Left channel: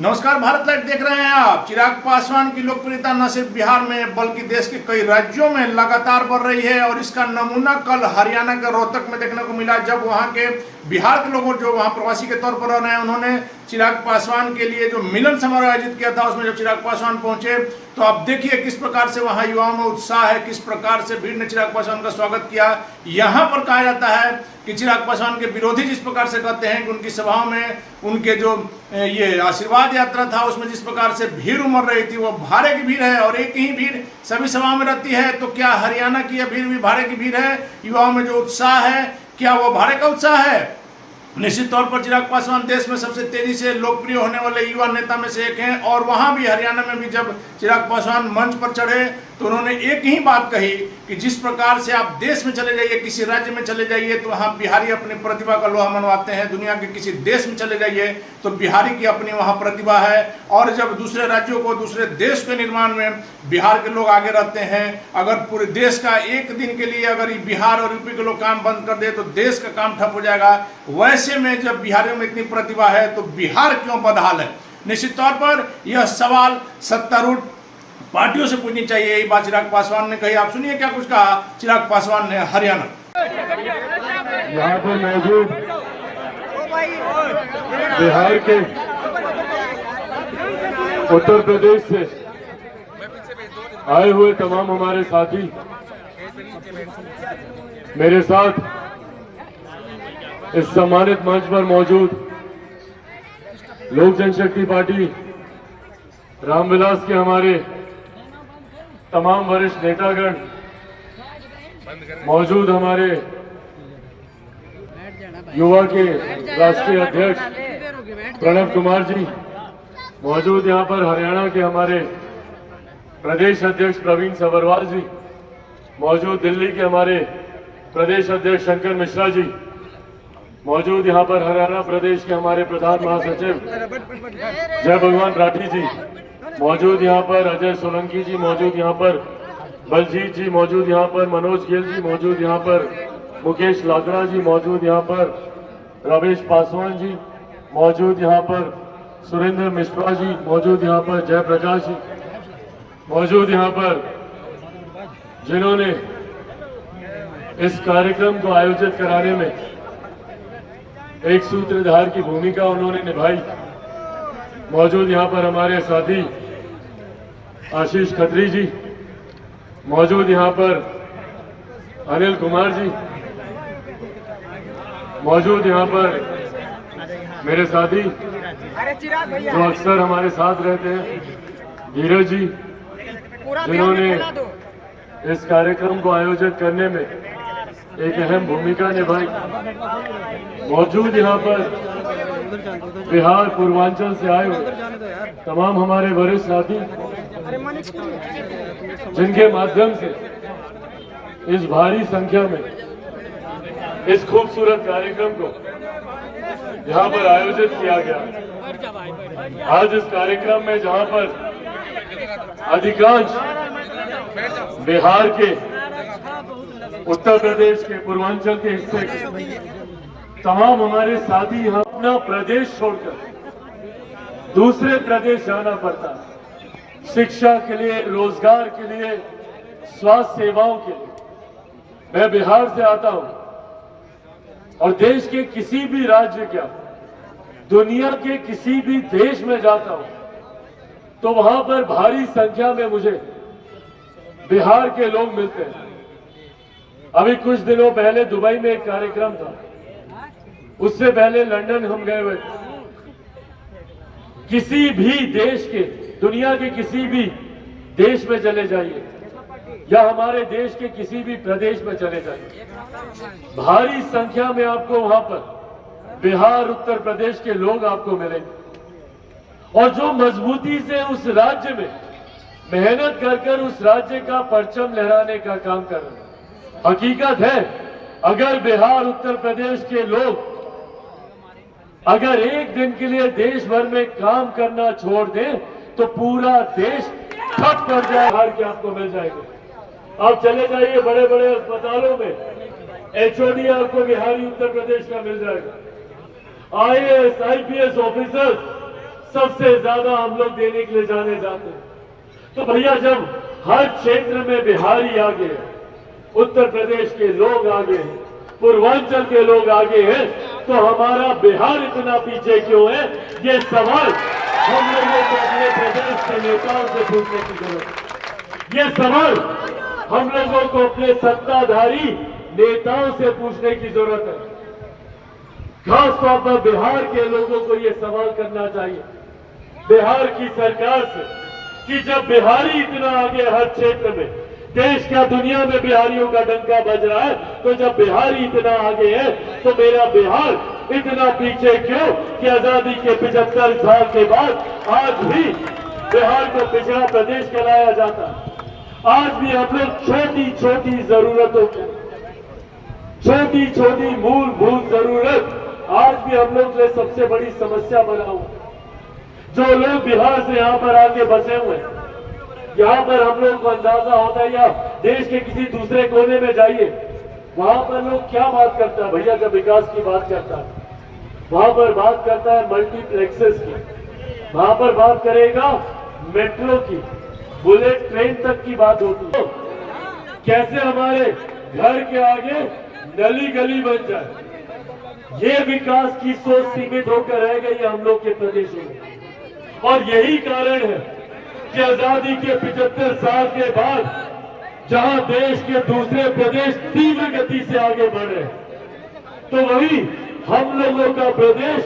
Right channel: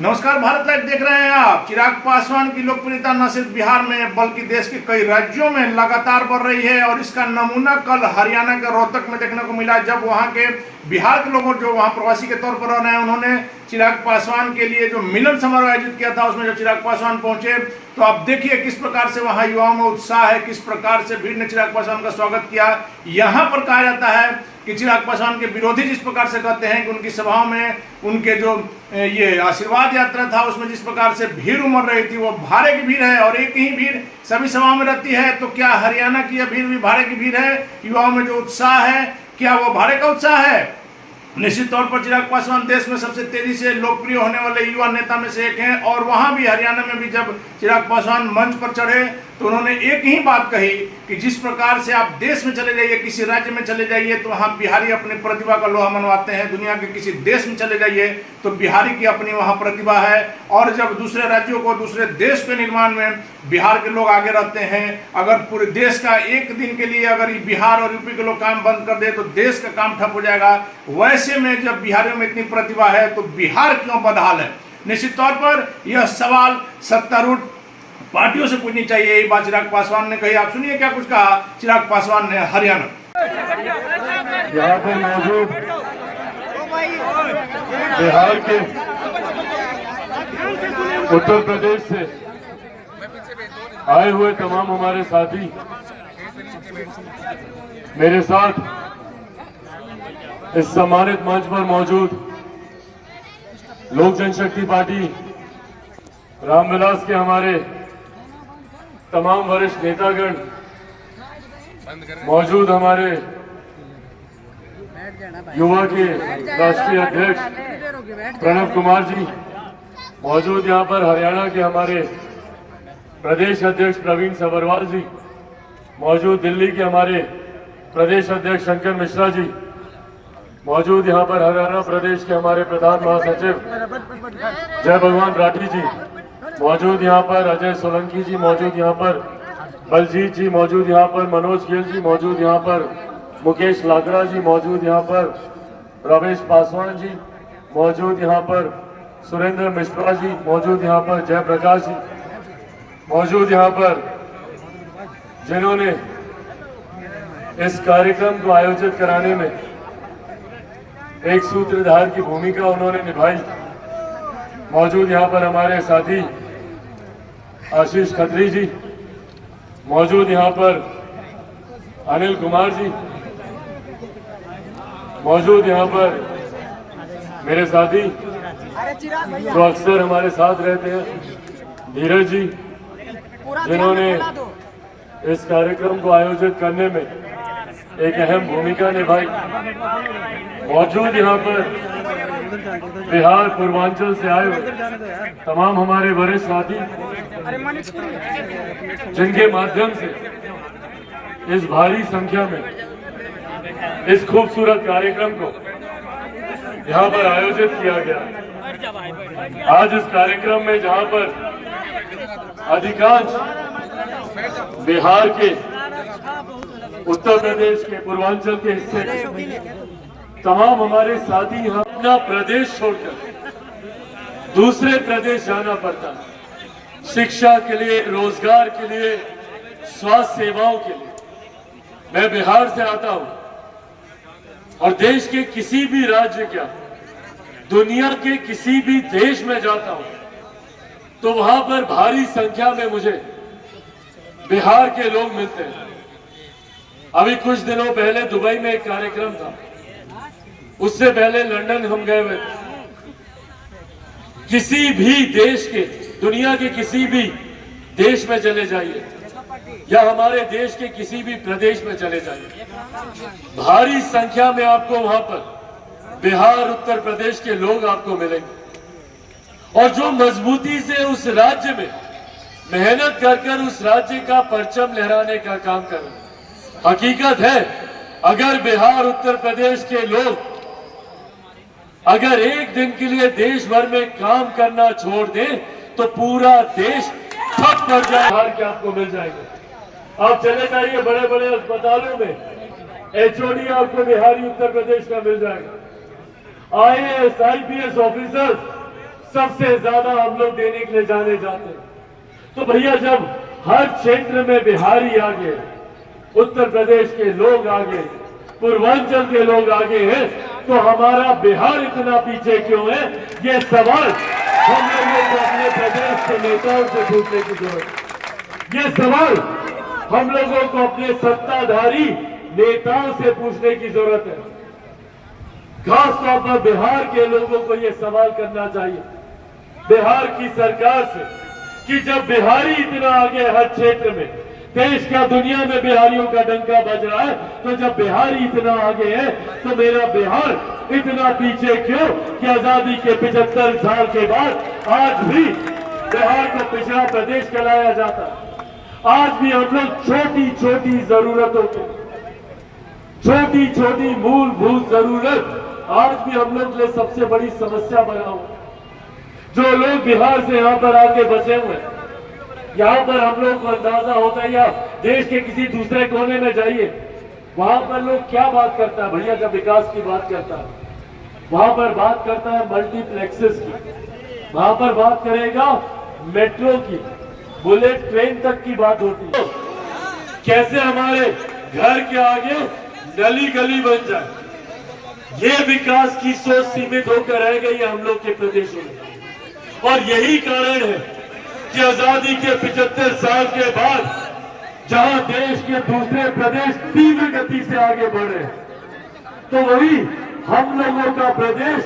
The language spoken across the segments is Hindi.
नमस्कार, भारत लाइव देख रहे हैं आप। चिराग पासवान की लोकप्रियता न सिर्फ बिहार में बल्कि देश के कई राज्यों में लगातार बढ़ रही है और इसका नमूना कल हरियाणा के रोहतक में देखने को मिला, जब वहां के बिहार के लोगों जो वहां प्रवासी के तौर पर रह रहे हैं उन्होंने चिराग पासवान के लिए जो मिलन समारोह आयोजित किया था। उसमें जब चिराग पासवान पहुंचे तो आप देखिए किस प्रकार से वहां युवाओं में उत्साह है, किस प्रकार से भीड़ ने चिराग पासवान का स्वागत किया। यहाँ पर कहा जाता है कि चिराग पासवान के विरोधी जिस प्रकार से कहते हैं कि उनकी सभाओं में उनके जो ये आशीर्वाद यात्रा था उसमें जिस प्रकार से भीड़ उमड़ रही थी वो भारे की भीड़ है और एक ही भीड़ सभी सभाओं में रहती है। तो क्या हरियाणा की यह भीड़ भी भारे की भीड़ है? युवाओं में जो उत्साह है क्या वो भारे का उत्साह है? निश्चित तौर पर चिराग पासवान देश में सबसे तेजी से लोकप्रिय होने वाले युवा नेता में से एक हैं और वहां भी हरियाणा में भी जब चिराग पासवान मंच पर चढ़े तो उन्होंने एक ही बात कही कि जिस प्रकार से आप देश में चले जाइए, किसी राज्य में चले जाइए तो वहाँ बिहारी अपनी प्रतिभा का लोहा मनवाते हैं। दुनिया के किसी देश में चले जाइए तो बिहारी की अपनी वहाँ प्रतिभा है और जब दूसरे राज्यों को, दूसरे देश के निर्माण में बिहार के लोग आगे रहते हैं। अगर पूरे देश का एक दिन के लिए अगर बिहार और यूपी के लोग काम बंद कर दे तो देश का काम ठप हो जाएगा। वैसे में जब बिहारियों में इतनी प्रतिभा है तो बिहार क्यों बदहाल है? निश्चित तौर पर यह सवाल सत्तारूढ़ पार्टियों से पूछनी चाहिए। यही बात चिराग पासवान ने कही। आप सुनिए क्या कुछ कहा चिराग पासवान ने हरियाणा। यहाँ पर मौजूद बिहार के, उत्तर प्रदेश से आए हुए तमाम हमारे साथी मेरे साथ इस सम्मानित मंच पर मौजूद लोक जनशक्ति पार्टी रामविलास के हमारे तमाम वरिष्ठ नेतागण, मौजूद हमारे युवा के राष्ट्रीय अध्यक्ष प्रणव कुमार जी, मौजूद यहाँ पर हरियाणा के हमारे प्रदेश अध्यक्ष प्रवीण सबरवाल जी, मौजूद दिल्ली के हमारे प्रदेश अध्यक्ष शंकर मिश्रा जी, मौजूद यहाँ पर हरियाणा प्रदेश के हमारे प्रधान महासचिव जय भगवान राठी जी, मौजूद यहाँ पर अजय सोलंकी जी, मौजूद यहाँ पर बलजीत जी, मौजूद यहाँ पर मनोज खेल जी, मौजूद यहाँ पर मुकेश लाकड़ा जी, मौजूद यहाँ पर रमेश पासवान जी, मौजूद यहाँ पर सुरेंद्र मिश्रा जी, मौजूद यहाँ पर जयप्रकाश जी, मौजूद यहाँ पर जिन्होंने इस कार्यक्रम को आयोजित कराने में एक सूत्रधार की भूमिका उन्होंने निभाई, मौजूद यहाँ पर हमारे साथी आशीष खत्री जी, मौजूद यहाँ पर अनिल कुमार जी, मौजूद यहाँ पर मेरे साथी जो अक्सर हमारे साथ रहते हैं धीरज जी, जिन्होंने इस कार्यक्रम को आयोजित करने में एक अहम भूमिका निभाई, मौजूद यहाँ पर बिहार पूर्वांचल से आए हुए तमाम हमारे वरिष्ठ साथी, जिनके माध्यम से इस भारी संख्या में इस खूबसूरत कार्यक्रम को यहाँ पर आयोजित किया गया। आज इस कार्यक्रम में जहाँ पर अधिकांश बिहार के, उत्तर प्रदेश के, पूर्वांचल के हिस्से तमाम हमारे साथी अपना प्रदेश छोड़कर दूसरे प्रदेश जाना पड़ता, शिक्षा के लिए, रोजगार के लिए, स्वास्थ्य सेवाओं के लिए। मैं बिहार से आता हूं और देश के किसी भी राज्य का, दुनिया के किसी भी देश में जाता हूं तो वहां पर भारी संख्या में मुझे बिहार के लोग मिलते हैं। अभी कुछ दिनों पहले दुबई में एक कार्यक्रम था, उससे पहले लंदन हम गए हुए थे। किसी भी देश के, दुनिया के किसी भी देश में चले जाइए या हमारे देश के किसी भी प्रदेश में चले जाइए, भारी संख्या में आपको वहां पर बिहार, उत्तर प्रदेश के लोग आपको मिलेंगे और जो मजबूती से उस राज्य में मेहनत कर उस राज्य का परचम लहराने का काम कर रहे हैं। हकीकत है, अगर बिहार, उत्तर प्रदेश के लोग अगर एक दिन के लिए देश भर में काम करना छोड़ दें तो पूरा देश ठप कर जाए। बिहार के आपको मिल जाएगा। आप चले जाइए बड़े बड़े अस्पतालों में, एचओडी आपको बिहारी उत्तर प्रदेश का मिल जाएगा। IAS, IPS ऑफिसर्स सबसे ज्यादा हम लोग देने के लिए जाने जाते हैं। तो भैया जब हर क्षेत्र में बिहारी आगे, उत्तर प्रदेश के लोग आगे, पूर्वांचल के लोग आगे हैं, तो हमारा बिहार इतना पीछे क्यों है? ये सवाल हम लोगों को अपने प्रदेश के नेताओं से पूछने की जरूरत है। ये सवाल हम लोगों को अपने सत्ताधारी नेताओं से पूछने की जरूरत है। खास तौर पर बिहार के लोगों को यह सवाल करना चाहिए बिहार की सरकार से कि जब बिहारी इतना आगे हर क्षेत्र में, देश का दुनिया में बिहारियों का डंका बज रहा है, तो जब बिहारी इतना आगे है तो मेरा बिहार इतना पीछे क्यों कि आजादी के 75 साल के बाद आज भी बिहार को पिछड़ा प्रदेश कहलाया जाता है। आज भी हम लोग छोटी छोटी जरूरतों को, छोटी छोटी मूलभूत जरूरत आज भी हम लोग के लिए सबसे बड़ी समस्या बना हुआ। जो लोग बिहार से यहाँ पर आके बसे हुए हैं, यहाँ पर हम लोग को अंदाजा होता है, या देश के किसी दूसरे कोने में जाइए, वहां पर लोग क्या बात करता है भैया? जब विकास की बात करता है वहां पर बात करता है मल्टीप्लेक्सेस की, वहां पर बात करेगा मेट्रो की, बुलेट ट्रेन तक की बात होती है। कैसे हमारे घर के आगे गली गली बन जाए, ये विकास की सोच सीमित होकर रह गई है हम लोग के प्रदेशों में। और यही कारण है कि आजादी के 75 साल के बाद जहां देश के दूसरे प्रदेश तीव्र गति से आगे बढ़ रहे हैं, तो वही हम लोगों का प्रदेश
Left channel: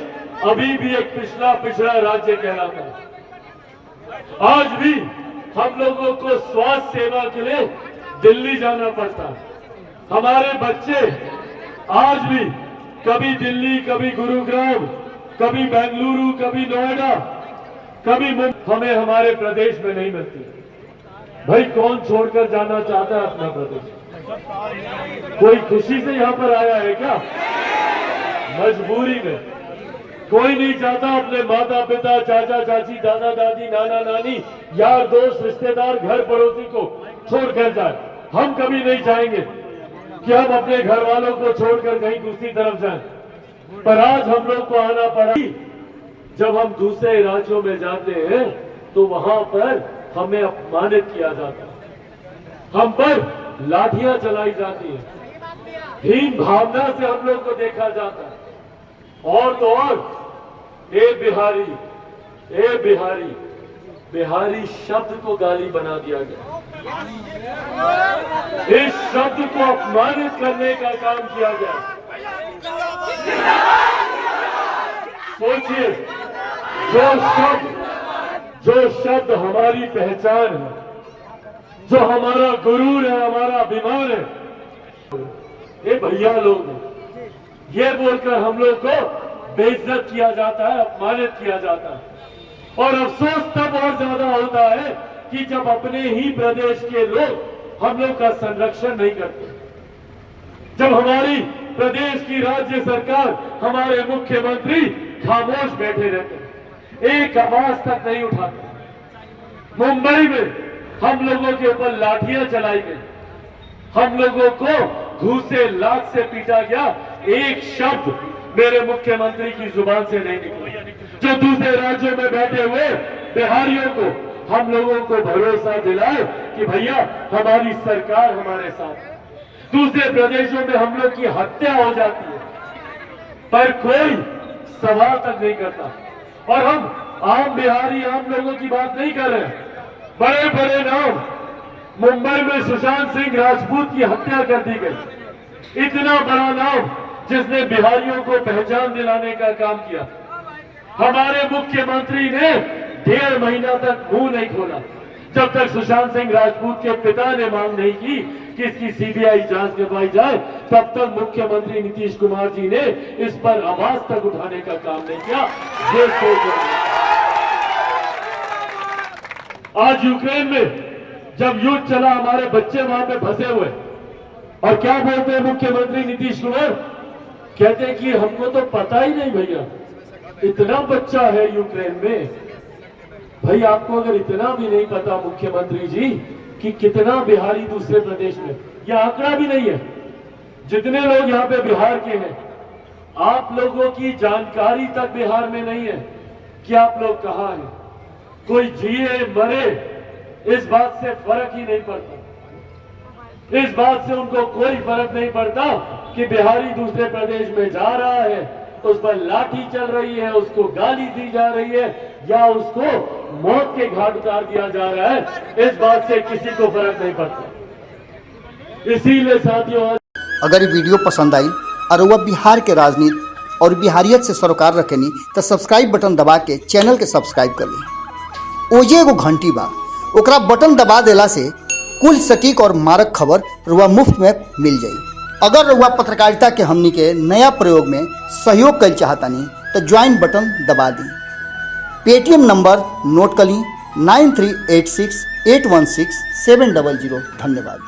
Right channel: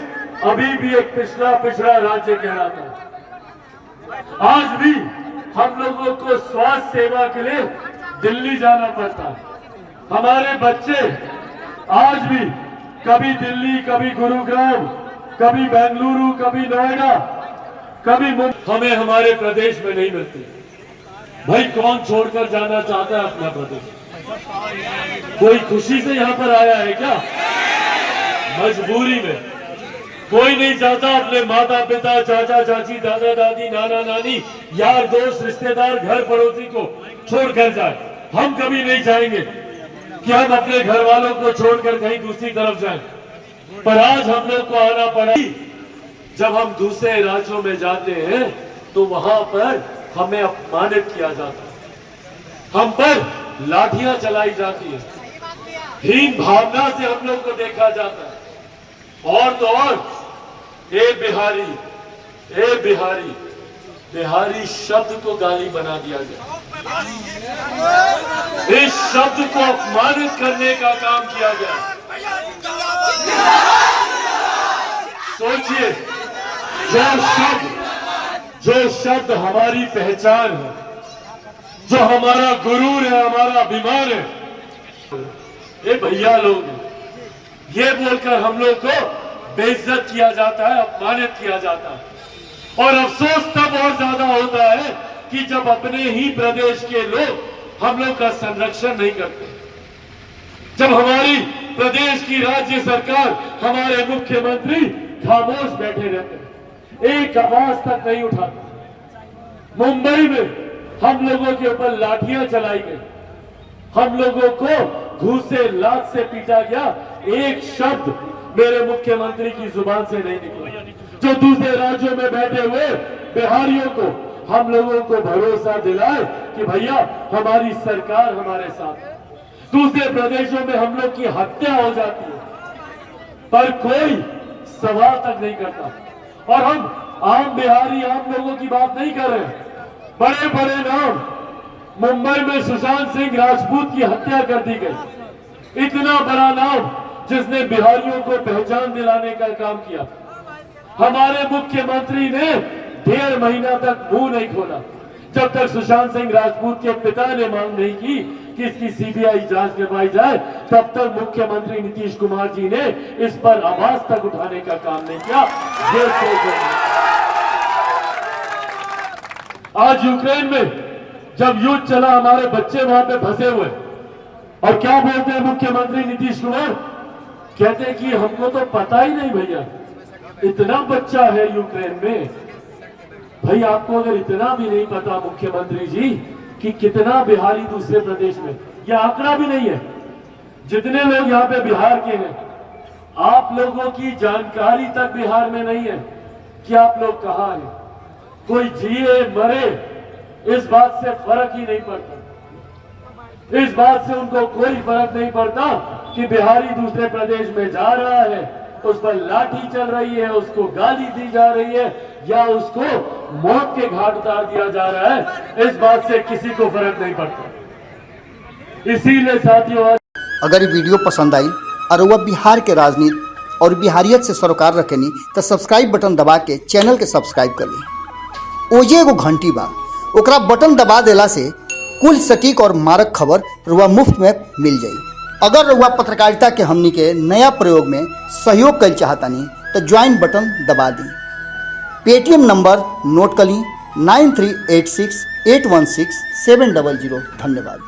अभी भी एक पिछड़ा राज्य कहलाता है। आज भी हम लोगों को स्वास्थ्य सेवा के लिए दिल्ली जाना पड़ता है। हमारे बच्चे आज भी कभी दिल्ली, कभी गुरुग्राम, कभी बेंगलुरु, कभी नोएडा, कभी हमें हमारे प्रदेश में नहीं मिलती। भाई कौन छोड़कर जाना चाहता है अपना प्रदेश? कोई खुशी से यहाँ पर आया है क्या? मजबूरी में। कोई नहीं चाहता अपने माता पिता, चाचा चाची, दादा दादी, नाना नानी, यार दोस्त, रिश्तेदार, घर पड़ोसी को छोड़कर जाए। हम कभी नहीं चाहेंगे कि हम अपने घर वालों को छोड़कर कहीं दूसरी तरफ जाएं, पर आज हम लोग को आना पड़ा। जब हम दूसरे राज्यों में जाते हैं तो वहां पर हमें अपमानित किया जाता है, हम पर लाठियां चलाई जाती है, हीन भावना से हम लोग को देखा जाता है। और तो और ए बिहारी, बिहारी शब्द को गाली बना दिया गया। इस शब्द को अपमानित करने का काम किया गया। सोचिए, जो शब्द हमारी पहचान है, जो हमारा गुरूर है, हमारा अभिमान है, ये भैया लोग हैं, ये बोलकर हम लोग को बेइज्जत किया जाता है, अपमानित किया जाता है। और अफसोस तब और ज्यादा होता है कि जब अपने ही प्रदेश के लोग हम लोग का संरक्षण नहीं करते, जब हमारी प्रदेश की राज्य सरकार, हमारे मुख्यमंत्री खामोश बैठे रहते, एक आवाज तक नहीं उठाते। मुंबई में हम लोगों के ऊपर लाठियां चलाई गई, हम लोगों को घूस से, लात से पीटा गया, एक शब्द मेरे मुख्यमंत्री की जुबान से नहीं निकला। जो दूसरे राज्यों में बैठे हुए बिहारियों को हम लोगों को भरोसा दिलाए कि भैया हमारी सरकार हमारे साथ। दूसरे प्रदेशों में हम लोग की हत्या हो जाती है पर कोई सवाल तक नहीं करता। और हम आम बिहारी, आम लोगों की बात नहीं कर रहे हैं। बड़े बड़े नाम, मुंबई में सुशांत सिंह राजपूत की हत्या कर दी गई, इतना बड़ा नाम जिसने बिहारियों को पहचान दिलाने का काम किया। हमारे मुख्यमंत्री ने 1.5 महीना तक मुंह नहीं खोला जब तक सुशांत सिंह राजपूत के पिता ने मांग नहीं की कि इसकी सीबीआई जांच करवाई जाए, तब तक मुख्यमंत्री नीतीश कुमार जी ने इस पर आवाज तक उठाने का काम नहीं किया। ये आज यूक्रेन में जब युद्ध चला, हमारे बच्चे वहां पे फंसे हुए, और क्या बोलते हैं मुख्यमंत्री नीतीश कुमार? कहते हैं कि हमको तो पता ही नहीं भैया, इतना बच्चा है यूक्रेन में। भाई आपको अगर इतना भी नहीं पता मुख्यमंत्री जी कि कितना बिहारी दूसरे प्रदेश में, यह आंकड़ा भी नहीं है जितने लोग यहाँ पे बिहार के हैं, आप लोगों की जानकारी तक बिहार में नहीं है कि आप लोग कहाँ हैं। कोई जिए मरे इस बात से फर्क ही नहीं पड़ता। इस बात से उनको कोई फर्क नहीं पड़ता कि बिहारी दूसरे प्रदेश में जा रहा है, उस पर लाठी चल रही है, उसको गाली दी जा रही है या उसको मौत के घाट उतार दिया जा रहा है। इस बात से किसी को फर्क नहीं पड़ता। इसीलिए साथियों, अगर ये वीडियो पसंद आई और वह बिहार के राजनीति और बिहारियत से सरोकार रखेनी तो सब्सक्राइब बटन दबा के चैनल के सब्सक्राइब कर ली। ओजे एगो घंटी बा, ओकरा बटन दबा देला से कुल सटीक और मारक खबर रुआ मुफ्त में मिल जाई। अगर रुआ पत्रकारिता के हमनी के नया प्रयोग में सहयोग कर चाहतानी तो ज्वाइन बटन दबा दी। पेटीएम नंबर नोट कर ली 9386816700। धन्यवाद।